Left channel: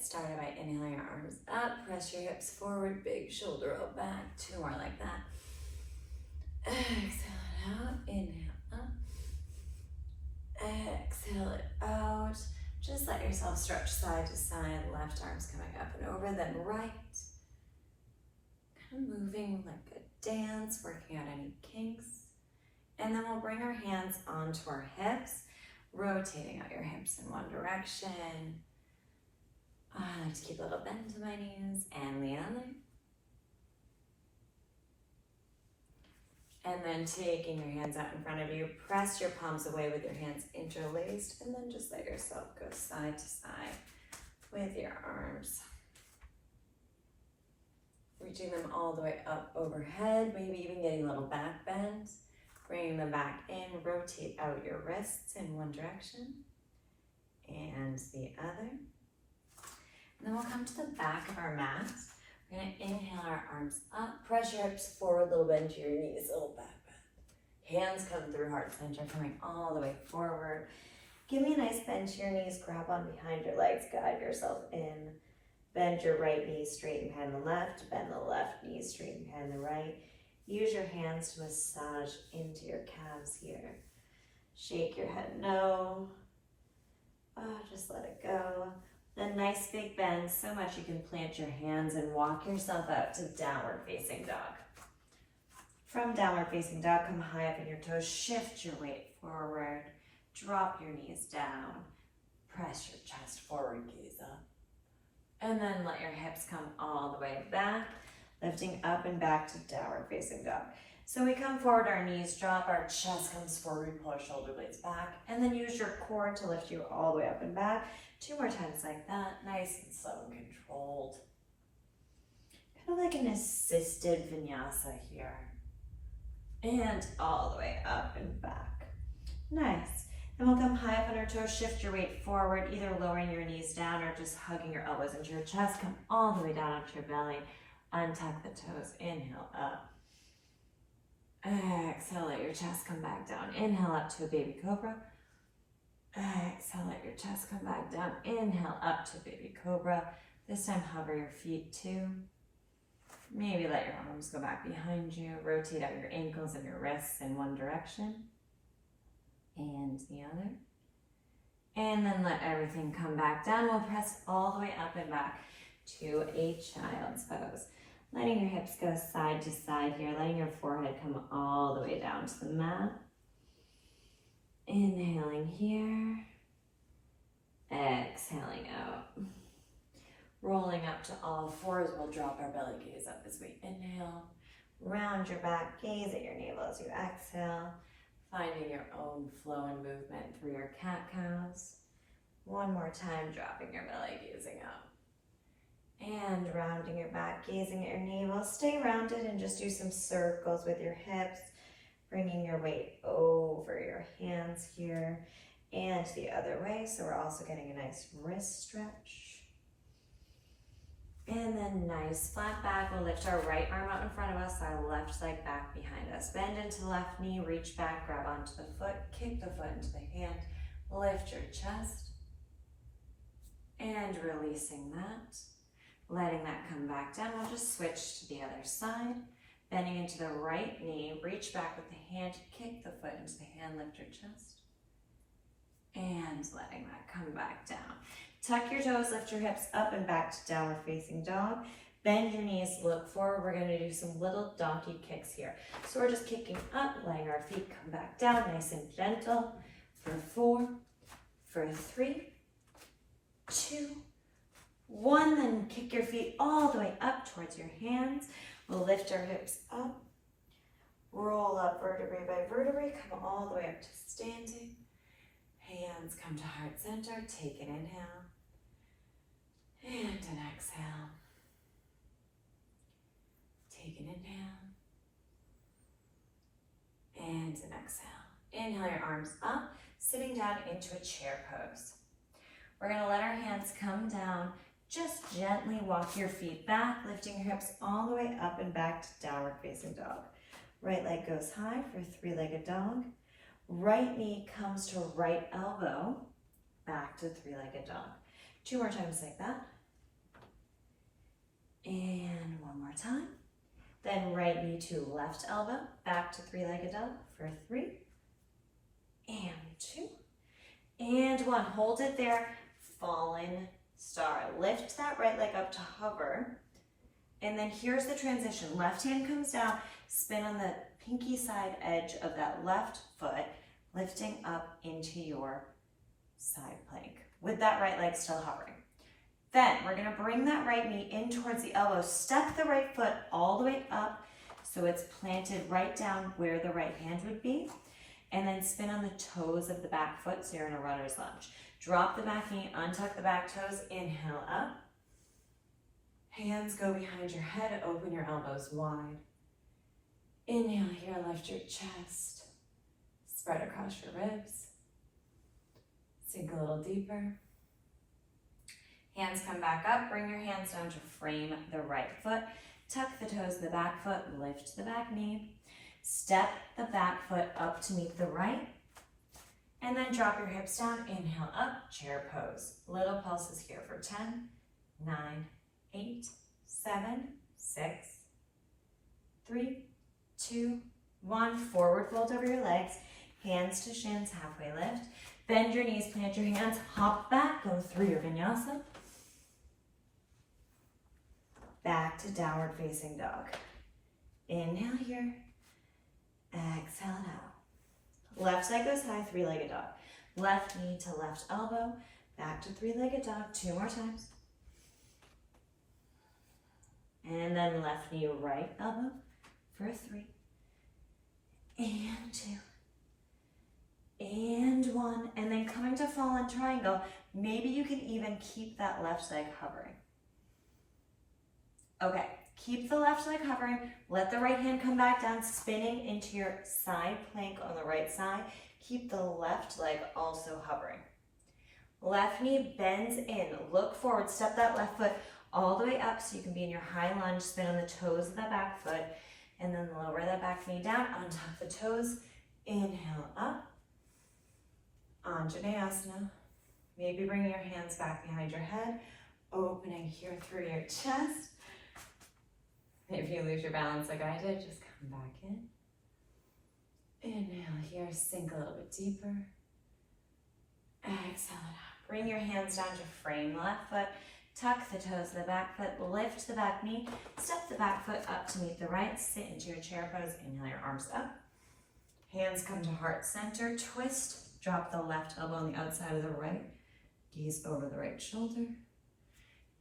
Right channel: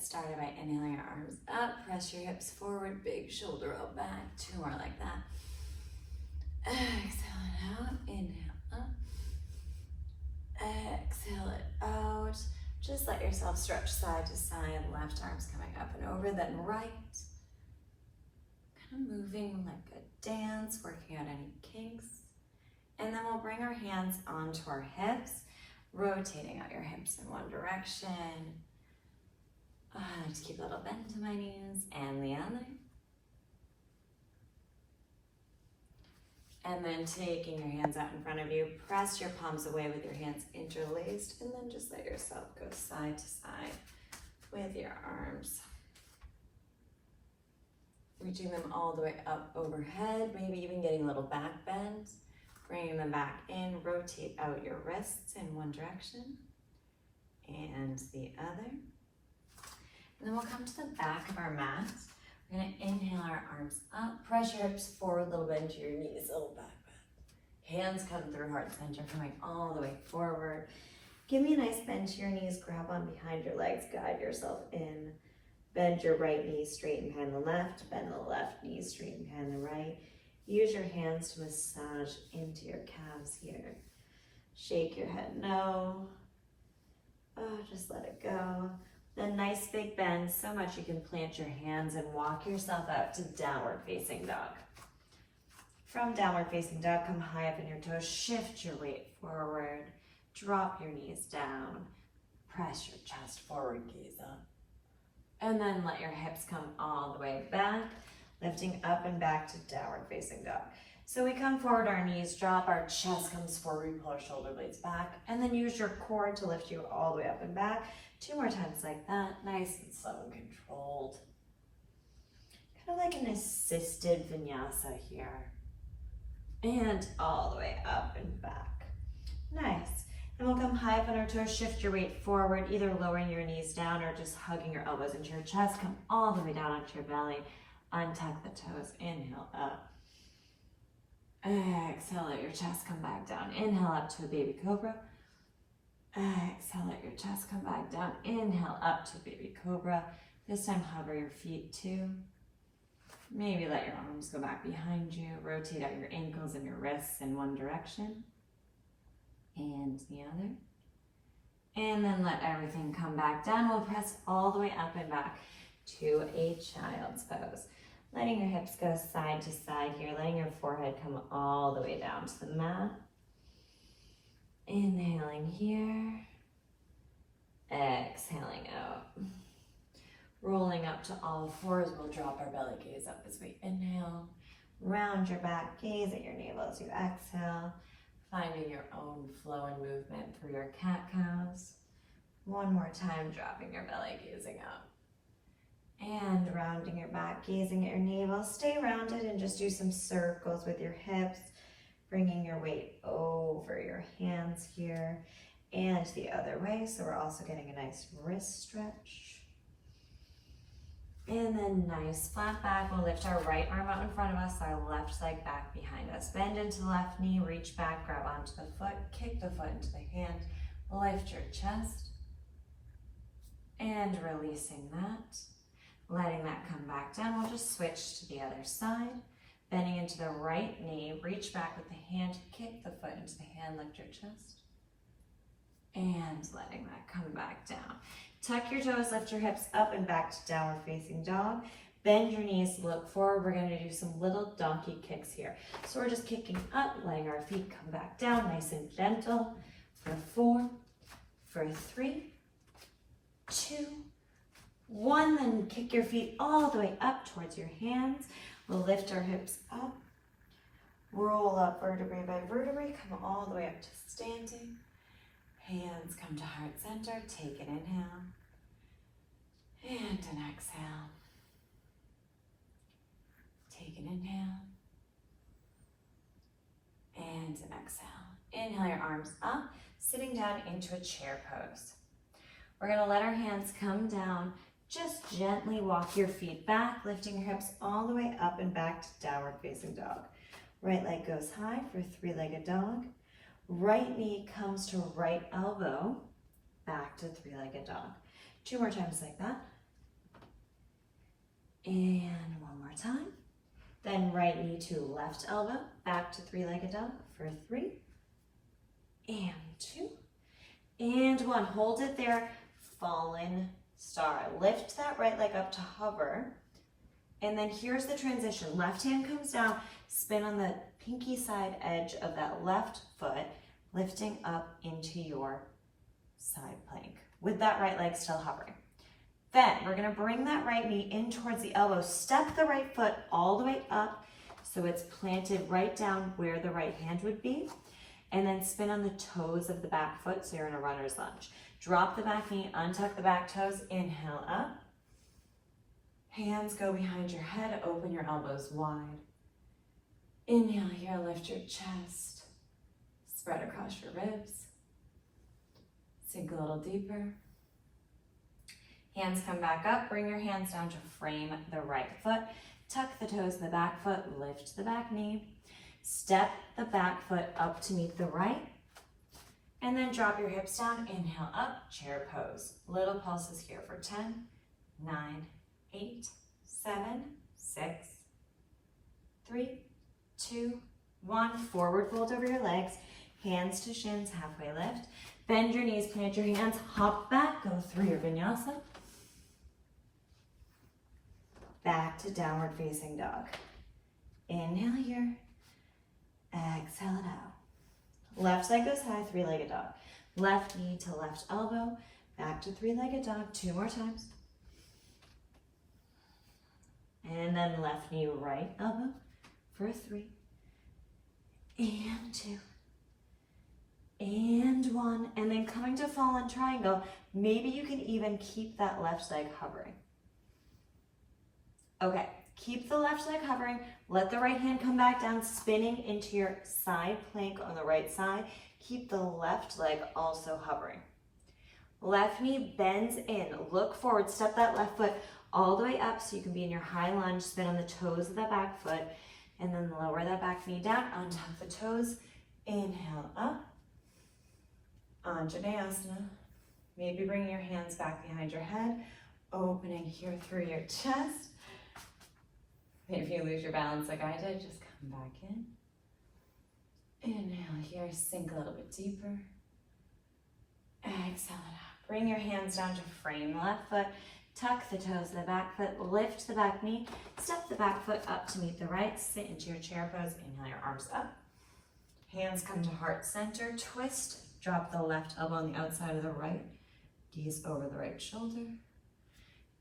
get started by inhaling your arms up, press your hips forward, big shoulder up, back, 2 more like that. Exhale it out, inhale up. Exhale it out. Just let yourself stretch side to side, left arm's coming up and over, then right. Kind of moving like a dance, working out any kinks. And then we'll bring our hands onto our hips, rotating out your hips in one direction. I like to keep a little bend to my knees, and the other. And then taking your hands out in front of you, press your palms away with your hands interlaced, and then just let yourself go side to side with your arms. Reaching them all the way up overhead, maybe even getting a little back bend. Bringing them back in, rotate out your wrists in one direction and the other. And then we'll come to the back of our mat. We're gonna inhale our arms up, press your hips forward, little bend to your knees, little back bend. Hands come through heart center, coming all the way forward. Give me a nice bend to your knees, grab on behind your legs, guide yourself in. Bend your right knee, straighten behind the left, bend the left knee, straighten behind the right. Use your hands to massage into your calves here. Shake your head no. Just let it go. Then nice big bend, so much you can plant your hands and walk yourself out to downward facing dog. From downward facing dog, come high up in your toes, shift your weight forward, drop your knees down, press your chest forward, gaze up. And then let your hips come all the way back. Lifting up and back to downward facing dog. So we come forward, our knees drop, our chest comes forward, we pull our shoulder blades back, and then use your core to lift you all the way up and back. 2 more times like that, nice and slow and controlled. Kind of like an assisted vinyasa here. And all the way up and back. Nice. And we'll come high up on our toes, shift your weight forward, either lowering your knees down or just hugging your elbows into your chest. Come all the way down onto your belly. Untuck the toes, inhale up. Exhale, let your chest come back down. Inhale up to a baby cobra. Exhale, let your chest come back down. Inhale up to baby cobra. This time hover your feet too. Maybe let your arms go back behind you. Rotate out your ankles and your wrists in one direction. And the other. And then let everything come back down. We'll press all the way up and back to a child's pose. Letting your hips go side to side here, letting your forehead come all the way down to the mat. Inhaling here, exhaling out. Rolling up to all fours, we'll drop our belly gaze up as we inhale. Round your back, gaze at your navel as you exhale. Finding your own flow and movement through your cat-cows. One more time, dropping your belly, gazing up. And rounding your back, gazing at your navel. Stay rounded and just do some circles with your hips, bringing your weight over your hands here and the other way. So we're also getting a nice wrist stretch. And then nice flat back. We'll lift our right arm out in front of us, our left leg back behind us. Bend into the left knee, reach back, grab onto the foot, kick the foot into the hand, lift your chest, and releasing that. Letting that come back down, we'll just switch to the other side. Bending into the right knee, reach back with the hand, kick the foot into the hand, lift your chest. And letting that come back down. Tuck your toes, lift your hips up and back to downward facing dog. Bend your knees, look forward. We're gonna do some little donkey kicks here. So we're just kicking up, letting our feet come back down, nice and gentle. For 4, for 3, 2, 1, then kick your feet all the way up towards your hands. We'll lift our hips up, roll up vertebrae by vertebrae, come all the way up to standing. Hands come to heart center, take an inhale and an exhale. Take an inhale and an exhale. Inhale your arms up, sitting down into a chair pose. We're gonna let our hands come down. Just gently walk your feet back, lifting your hips all the way up and back to downward facing dog. Right leg goes high for three-legged dog. Right knee comes to right elbow, back to three-legged dog. 2 more times like that. And one more time. Then right knee to left elbow, back to three-legged dog for 3, and 2, and 1. Hold it there, fallen star. Lift that right leg up to hover, and then here's the transition. Left hand comes down, spin on the pinky side edge of that left foot, lifting up into your side plank with that right leg still hovering. Then we're gonna bring that right knee in towards the elbow, step the right foot all the way up so it's planted right down where the right hand would be, and then spin on the toes of the back foot so you're in a runner's lunge. Drop the back knee, untuck the back toes, inhale up. Hands go behind your head, open your elbows wide. Inhale here, lift your chest, spread across your ribs. Sink a little deeper. Hands come back up, bring your hands down to frame the right foot. Tuck the toes of the back foot, lift the back knee. Step the back foot up to meet the right. And then drop your hips down, inhale up, chair pose. Little pulses here for 10, 9, 8, 7, 6, 3, 2, 1. Forward fold over your legs, hands to shins, halfway lift. Bend your knees, plant your hands, hop back, go through your vinyasa. Back to downward facing dog. Inhale here, exhale it out. Left side goes high, three-legged dog. Left knee to left elbow, back to three-legged dog, 2 more times. And then left knee, right elbow for 3, and 2, and 1. And then coming to fallen triangle, maybe you can even keep that left leg hovering. Okay, keep the left leg hovering, let the right hand come back down, spinning into your side plank on the right side. Keep the left leg also hovering. Left knee bends in, look forward, step that left foot all the way up so you can be in your high lunge, spin on the toes of the back foot, and then lower that back knee down, untuck the toes, inhale up, Anjaneyasana. Maybe bring your hands back behind your head, opening here through your chest. If you lose your balance like I did, just come back in. Inhale here, sink a little bit deeper. Exhale it out. Bring your hands down to frame the left foot. Tuck the toes of the back foot, lift the back knee, step the back foot up to meet the right, sit into your chair pose, inhale your arms up. Hands come to heart center, twist, drop the left elbow on the outside of the right, gaze over the right shoulder.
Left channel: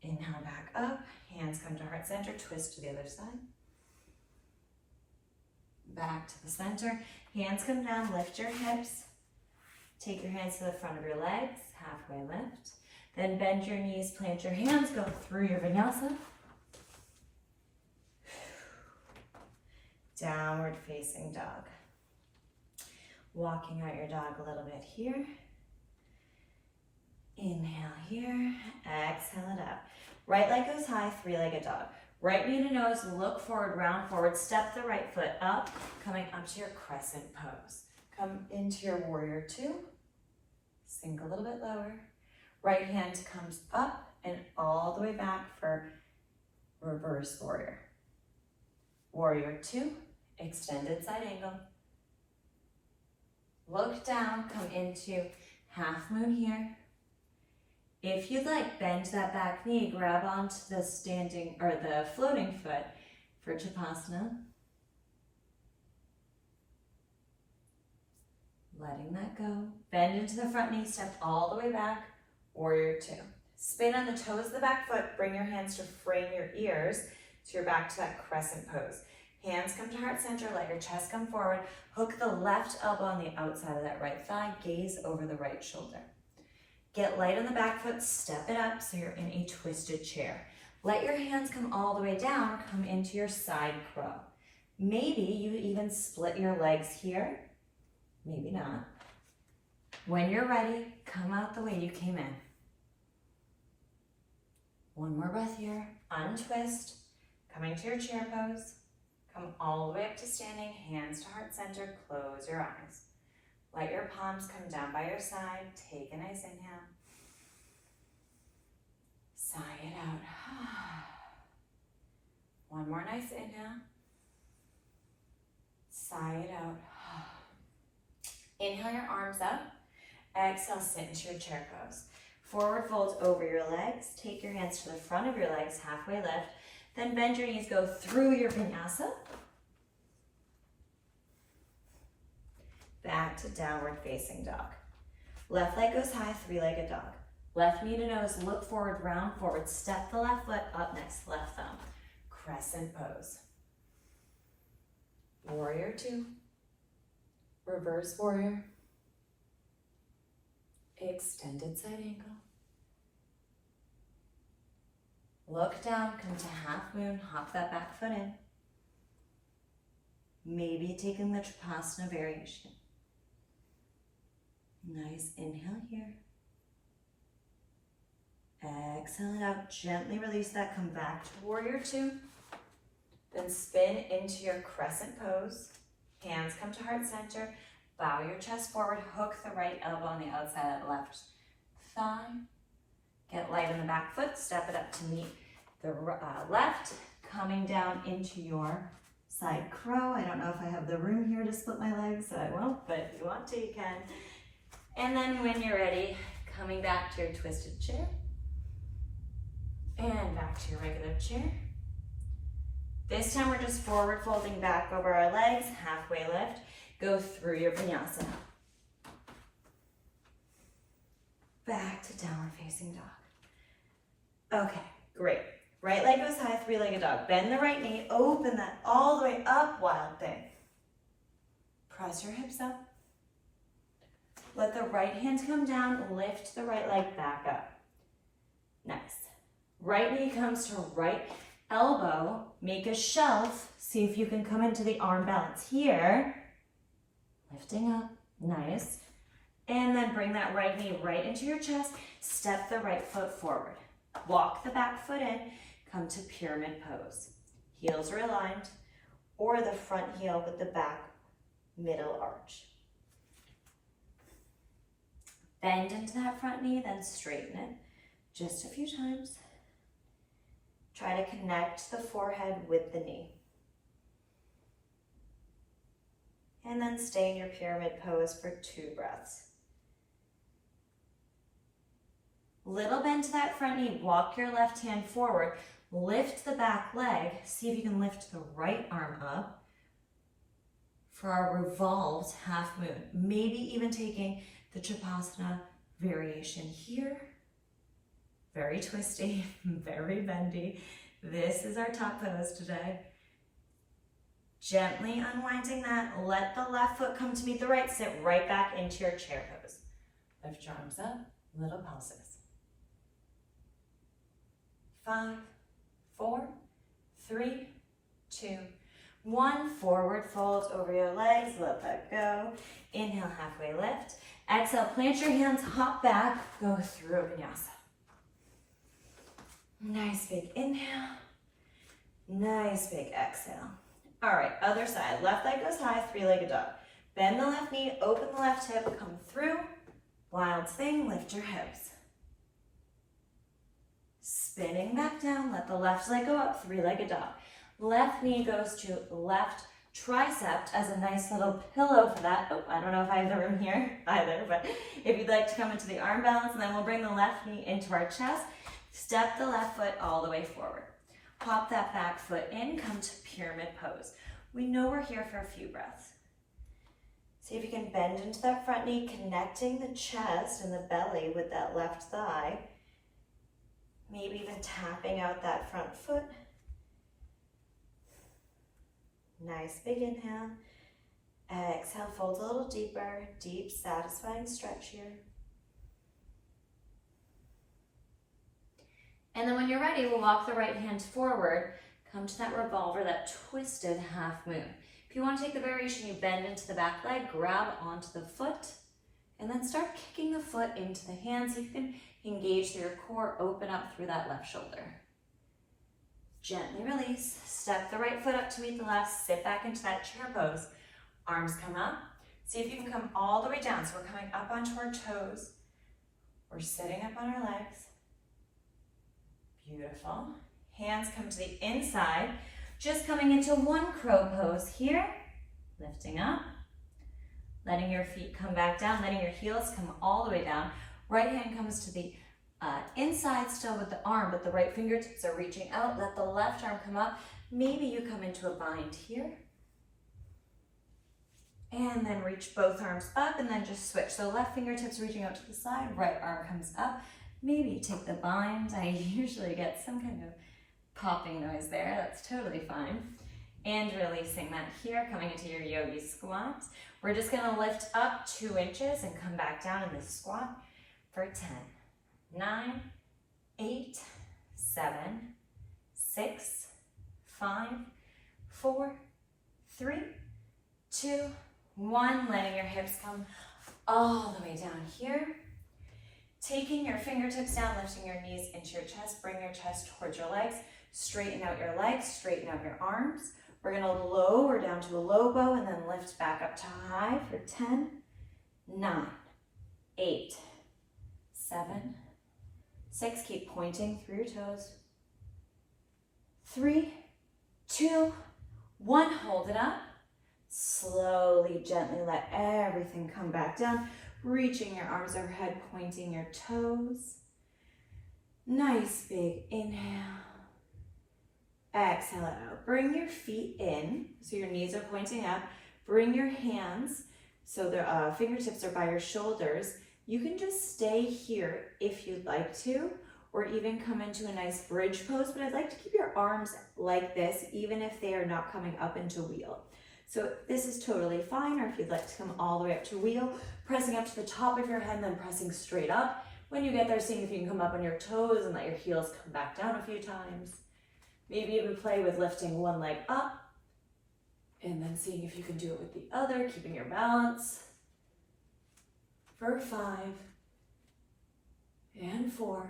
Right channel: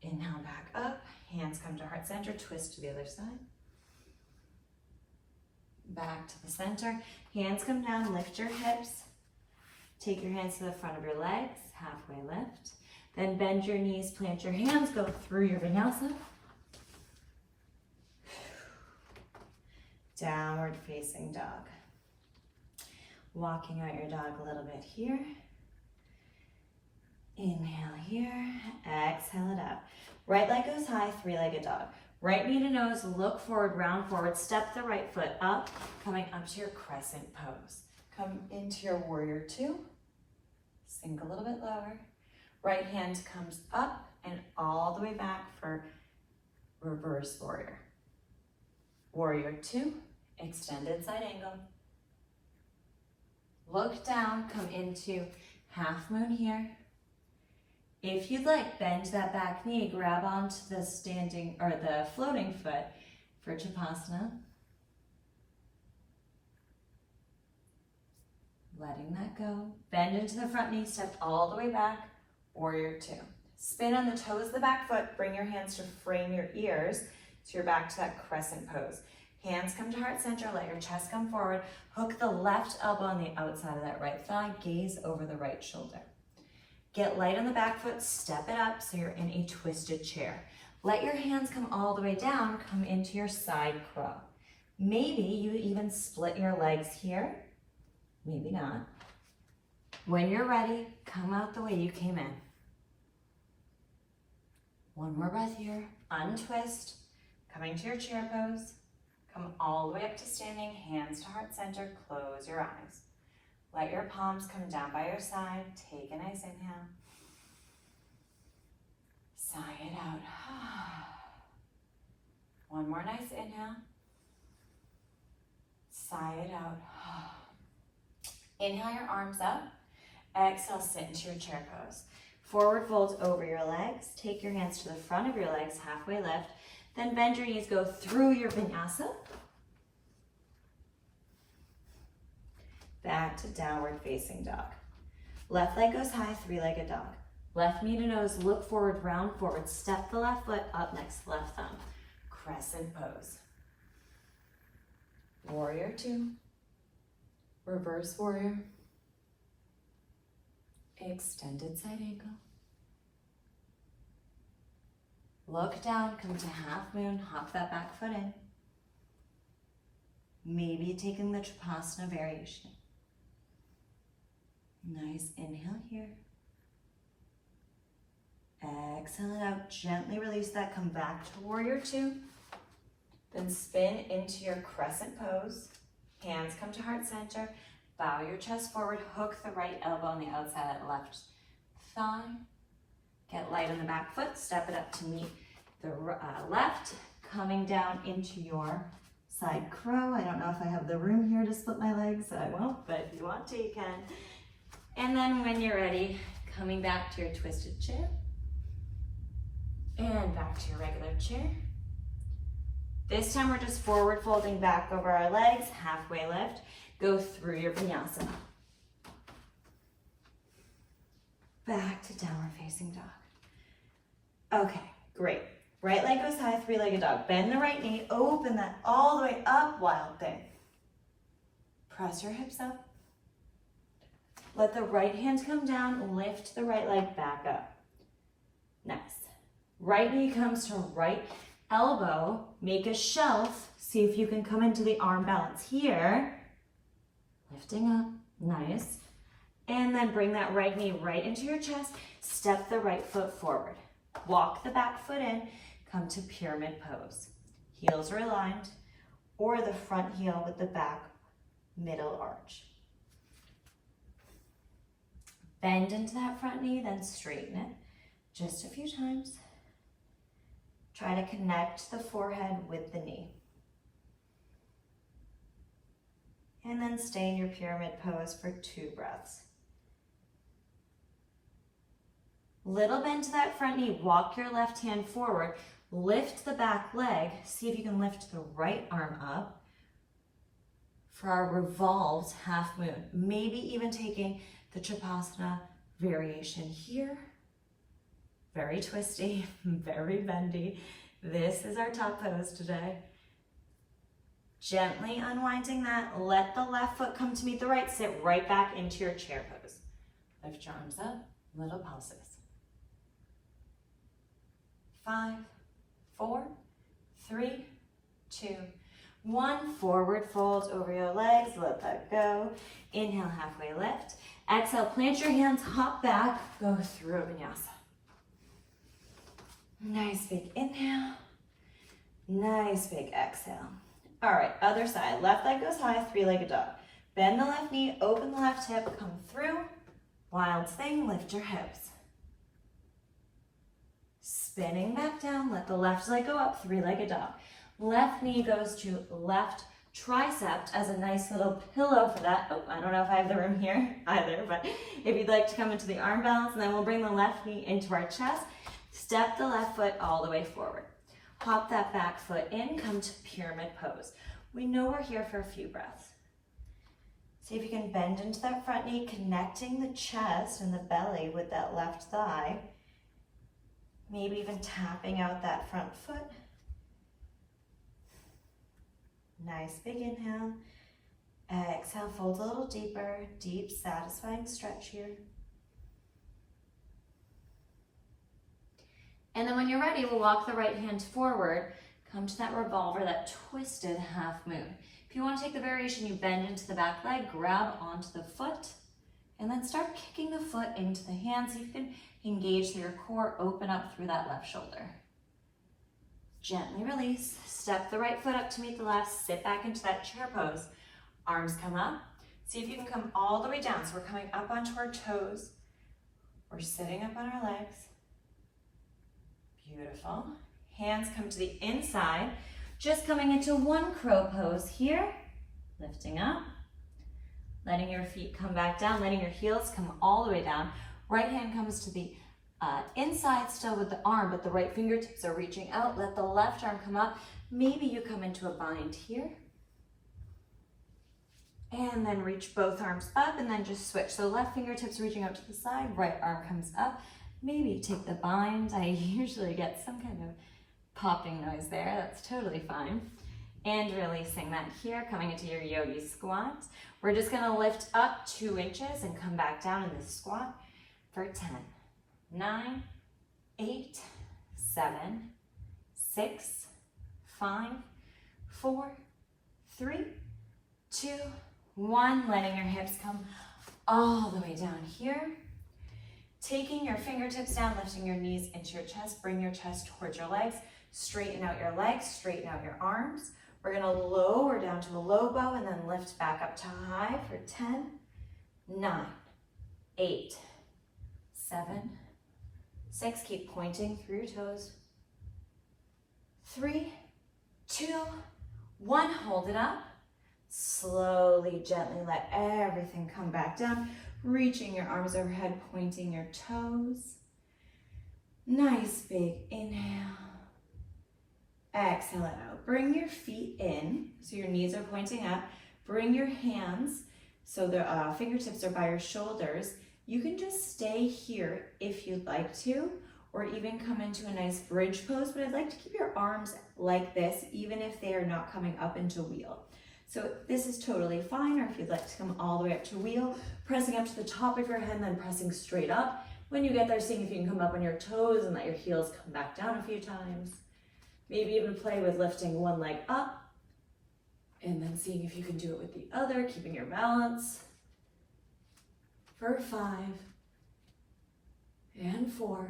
Inhale back up, hands come to heart center, twist to the other side. Back to the center, hands come down, lift your hips. Take your hands to the front of your legs, halfway lift. Then bend your knees, plant your hands, go through your vinyasa. Downward facing dog. Walking out your dog a little bit here. Inhale here, exhale it out. Right leg goes high, three-legged dog. Right knee to nose, look forward, round forward, step the right foot up, coming up to your crescent pose. Come into your warrior 2, sink a little bit lower. Right hand comes up and all the way back for reverse warrior. Warrior 2, extended side angle. Look down, come into half moon here. If you'd like, bend that back knee, grab onto the standing or the floating foot for Chapasana. Letting that go. Bend into the front knee, step all the way back, warrior 2. Spin on the toes of the back foot, bring your hands to frame your ears so you're back to that crescent pose. Hands come to heart center, let your chest come forward. Hook the left elbow on the outside of that right thigh, gaze over the right shoulder. Get light on the back foot, step it up so you're in a twisted chair. Let your hands come all the way down, come into your side crow. Maybe you even split your legs here, maybe not. When you're ready, come out the way you came in. One more breath here, untwist, coming to your chair pose. Come all the way up to standing, hands to heart center, close your eyes. Let your palms come down by your side. Take a nice inhale. Sigh it out. One more nice inhale. Sigh it out. Inhale your arms up. Exhale, sit into your chair pose. Forward fold over your legs. Take your hands to the front of your legs, halfway lift. Then bend your knees, go through your vinyasa. Back to downward facing dog. Left leg goes high, three-legged dog. Left knee to nose, look forward, round forward. Step the left foot up next to left thumb. Crescent pose. Warrior two. Reverse warrior. Extended side angle. Look down, come to half moon, hop that back foot in. Maybe taking the Trikonasana variation. Nice inhale here. Exhale it out, gently release that, come back to warrior two. Then spin into your crescent pose. Hands come to heart center. Bow your chest forward, hook the right elbow on the outside of the left thigh. Get light on the back foot, step it up to meet the left, coming down into your side crow. I don't know if I have the room here to split my legs, so I won't, but if you want to, you can. And then when you're ready, coming back to your twisted chair, and back to your regular chair. This time we're just forward folding back over our legs, halfway lift. Go through your vinyasa. Back to downward facing dog. Okay, great. Right leg goes high, three-legged dog. Bend the right knee, open that all the way up, wild thing. Press your hips up. Let the right hand come down, lift the right leg back up. Nice. Right knee comes to right elbow, make a shelf. See if you can come into the arm balance here. Lifting up, nice. And then bring that right knee right into your chest. Step the right foot forward. Walk the back foot in, come to pyramid pose. Heels are aligned, or the front heel with the back middle arch. Bend into that front knee, then straighten it just a few times. Try to connect the forehead with the knee. And then stay in your pyramid pose for 2 breaths. Little bend to that front knee, walk your left hand forward, lift the back leg, see if you can lift the right arm up for our revolved half moon. Maybe even taking the Trikonasana variation here. Very twisty, very bendy. This is our top pose today. Gently unwinding that, let the left foot come to meet the right, sit right back into your chair pose. Lift your arms up, little pulses. 5, 4, 3, 2, 1. Forward fold over your legs, let that go. Inhale, halfway lift. Exhale, plant your hands, hop back, go through a vinyasa. Nice big inhale, nice big exhale. All right, other side. Left leg goes high, three-legged dog. Bend the left knee, open the left hip, come through. Wild thing, lift your hips. Spinning back down, let the left leg go up, three-legged dog. Left knee goes to left tricep as a nice little pillow for that. Oh, I don't know if I have the room here either, but if you'd like to come into the arm balance, and then we'll bring the left knee into our chest. Step the left foot all the way forward. Hop that back foot in, come to pyramid pose. We know we're here for a few breaths. See if you can bend into that front knee, connecting the chest and the belly with that left thigh. Maybe even tapping out that front foot. Nice big inhale. Exhale, fold a little deeper, deep, satisfying stretch here. And then when you're ready, we'll walk the right hand forward, come to that revolver, that twisted half moon. If you want to take the variation, you bend into the back leg, grab onto the foot, and then start kicking the foot into the hand so you can engage through your core, open up through that left shoulder. Gently release, step the right foot up to meet the left, sit back into that chair pose. Arms come up. See if you can come all the way down. So we're coming up onto our toes. We're sitting up on our legs. Beautiful. Hands come to the inside. Just coming into one crow pose here, lifting up, letting your feet come back down, letting your heels come all the way down. Right hand comes to the inside still with the arm, but the right fingertips are reaching out. Let the left arm come up. Maybe you come into a bind here. And then reach both arms up and then just switch. So left fingertips reaching out to the side, right arm comes up. Maybe you take the bind. I usually get some kind of popping noise there. That's totally fine. And releasing that here, coming into your yogi squat. We're just gonna lift up 2 inches and come back down in this squat for 10, 9, 8, 7, 6, 5, 4, 3, 2, 1. Letting your hips come all the way down here. Taking your fingertips down, lifting your knees into your chest. Bring your chest towards your legs. Straighten out your legs, straighten out your arms. We're gonna lower down to a low bow and then lift back up to high for 10, 9, 8, 7, 6. Keep pointing through your toes. 3, 2, 1. Hold it up. Slowly, gently let everything come back down. Reaching your arms overhead, pointing your toes. Nice big inhale. Exhale it out. Bring your feet in, so your knees are pointing up. Bring your hands, so the fingertips are by your shoulders. You can just stay here if you'd like to, or even come into a nice bridge pose, but I'd like to keep your arms like this, even if they are not coming up into wheel. So this is totally fine, or if you'd like to come all the way up to wheel, pressing up to the top of your head and then pressing straight up. When you get there, seeing if you can come up on your toes and let your heels come back down a few times. Maybe even play with lifting one leg up and then seeing if you can do it with the other, keeping your balance. For 5 and 4,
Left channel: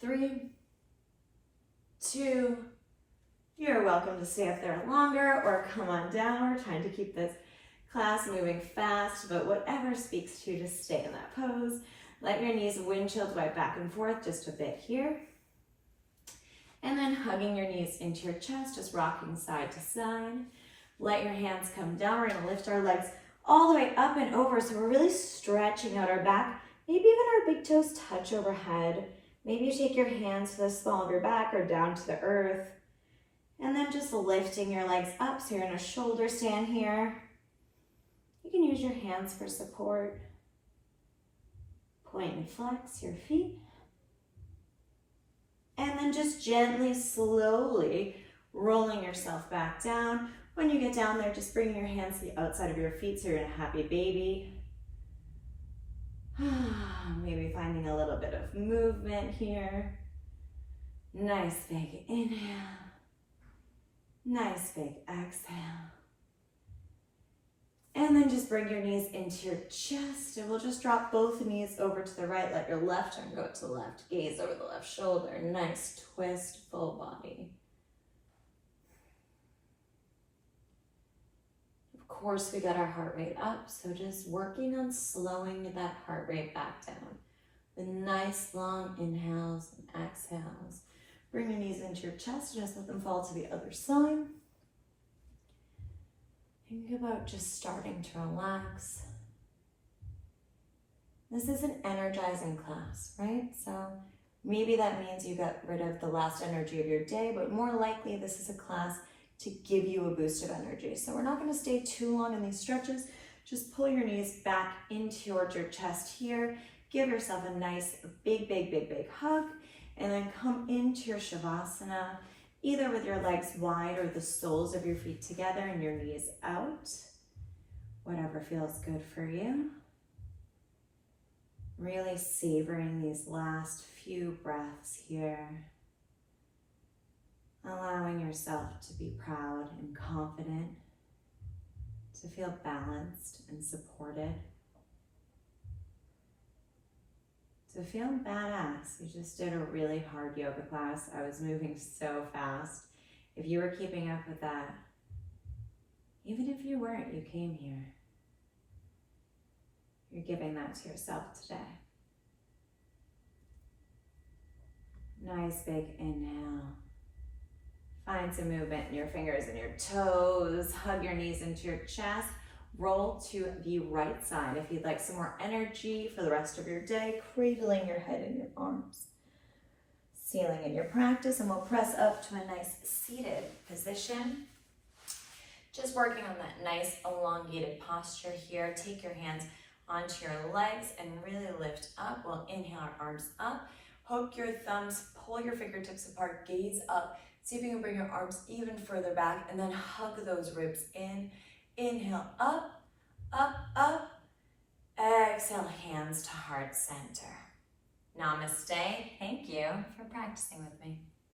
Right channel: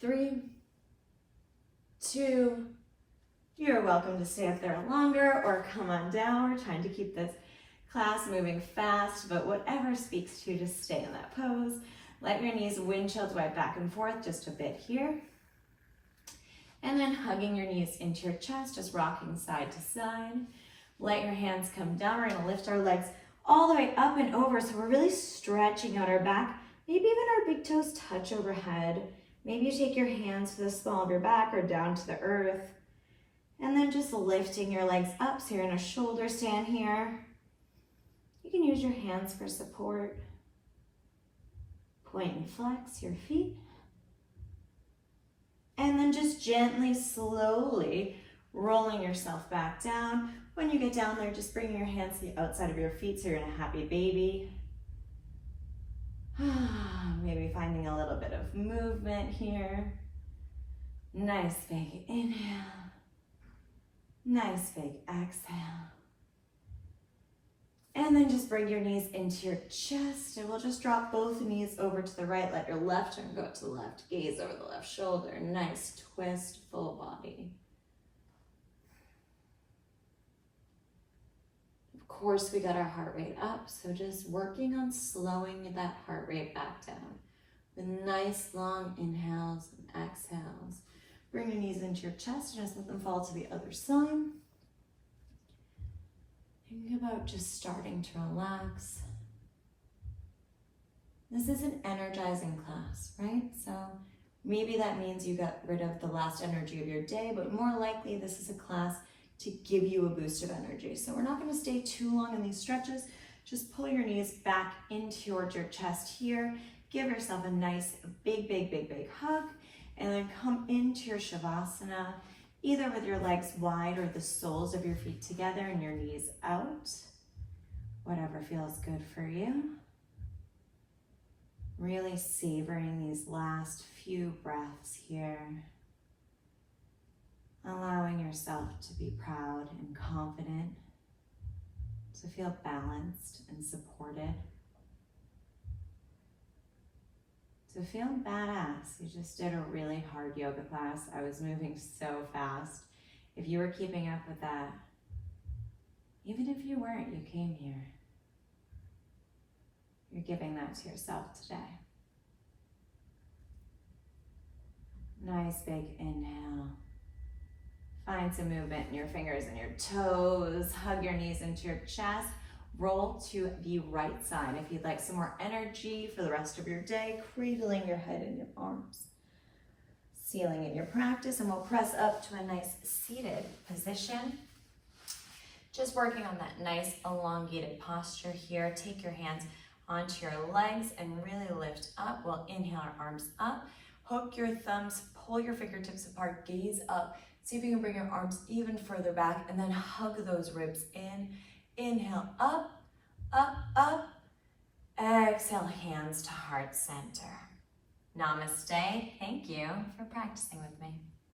3, 2, you're welcome to stay up there longer or come on down. We're trying to keep this class moving fast, but whatever speaks to you, just stay in that pose. Let your knees windshield right back and forth just a bit here. And then hugging your knees into your chest, just rocking side to side. Let your hands come down. We're gonna lift our legs all the way up and over, so we're really stretching out our back. Maybe even our big toes touch overhead. Maybe you take your hands to the small of your back or down to the earth. And then just lifting your legs up, so you're in a shoulder stand here. You can use your hands for support. Point and flex your feet. And then just gently, slowly rolling yourself back down. When you get down there, just bringing your hands to the outside of your feet so you're in a happy baby. Maybe finding a little bit of movement here. Nice big inhale. Nice big exhale. And then just bring your knees into your chest, and we'll just drop both knees over to the right. Let your left arm go to the left, gaze over the left shoulder. Nice twist, full body. Of course, we got our heart rate up, so just working on slowing that heart rate back down with nice long inhales and exhales. Bring your knees into your chest and just let them fall to the other side. Think about just starting to relax. This is an energizing class, right? So maybe that means you got rid of the last energy of your day, but more likely this is a class to give you a boost of energy. So we're not going to stay too long in these stretches. Just pull your knees back in towards your chest here. Give yourself a nice big hug, and then come into your Shavasana, either with your legs wide or the soles of your feet together and your knees out. Whatever feels good for you. Really savoring these last few breaths here. Allowing yourself to be proud and confident, to feel balanced and supported, to feel badass. We just did a really hard yoga class. I was moving so fast. If you were keeping up with that, even if you weren't, you came here. You're giving that to yourself today. Nice big inhale. Find some movement in your fingers and your toes. Hug your knees into your chest. Roll to the right side. If you'd like some more energy for the rest of your day, cradling your head in your arms. Sealing in your practice, and we'll press up to a nice seated position. Just working on that nice elongated posture here. Take your hands onto your legs and really lift up. We'll inhale our arms up. Hook your thumbs, pull your fingertips apart, gaze up. See if you can bring your arms even further back, and then hug those ribs in. Inhale, up, up, up. Exhale, hands to heart center. Namaste. Thank you for practicing with me.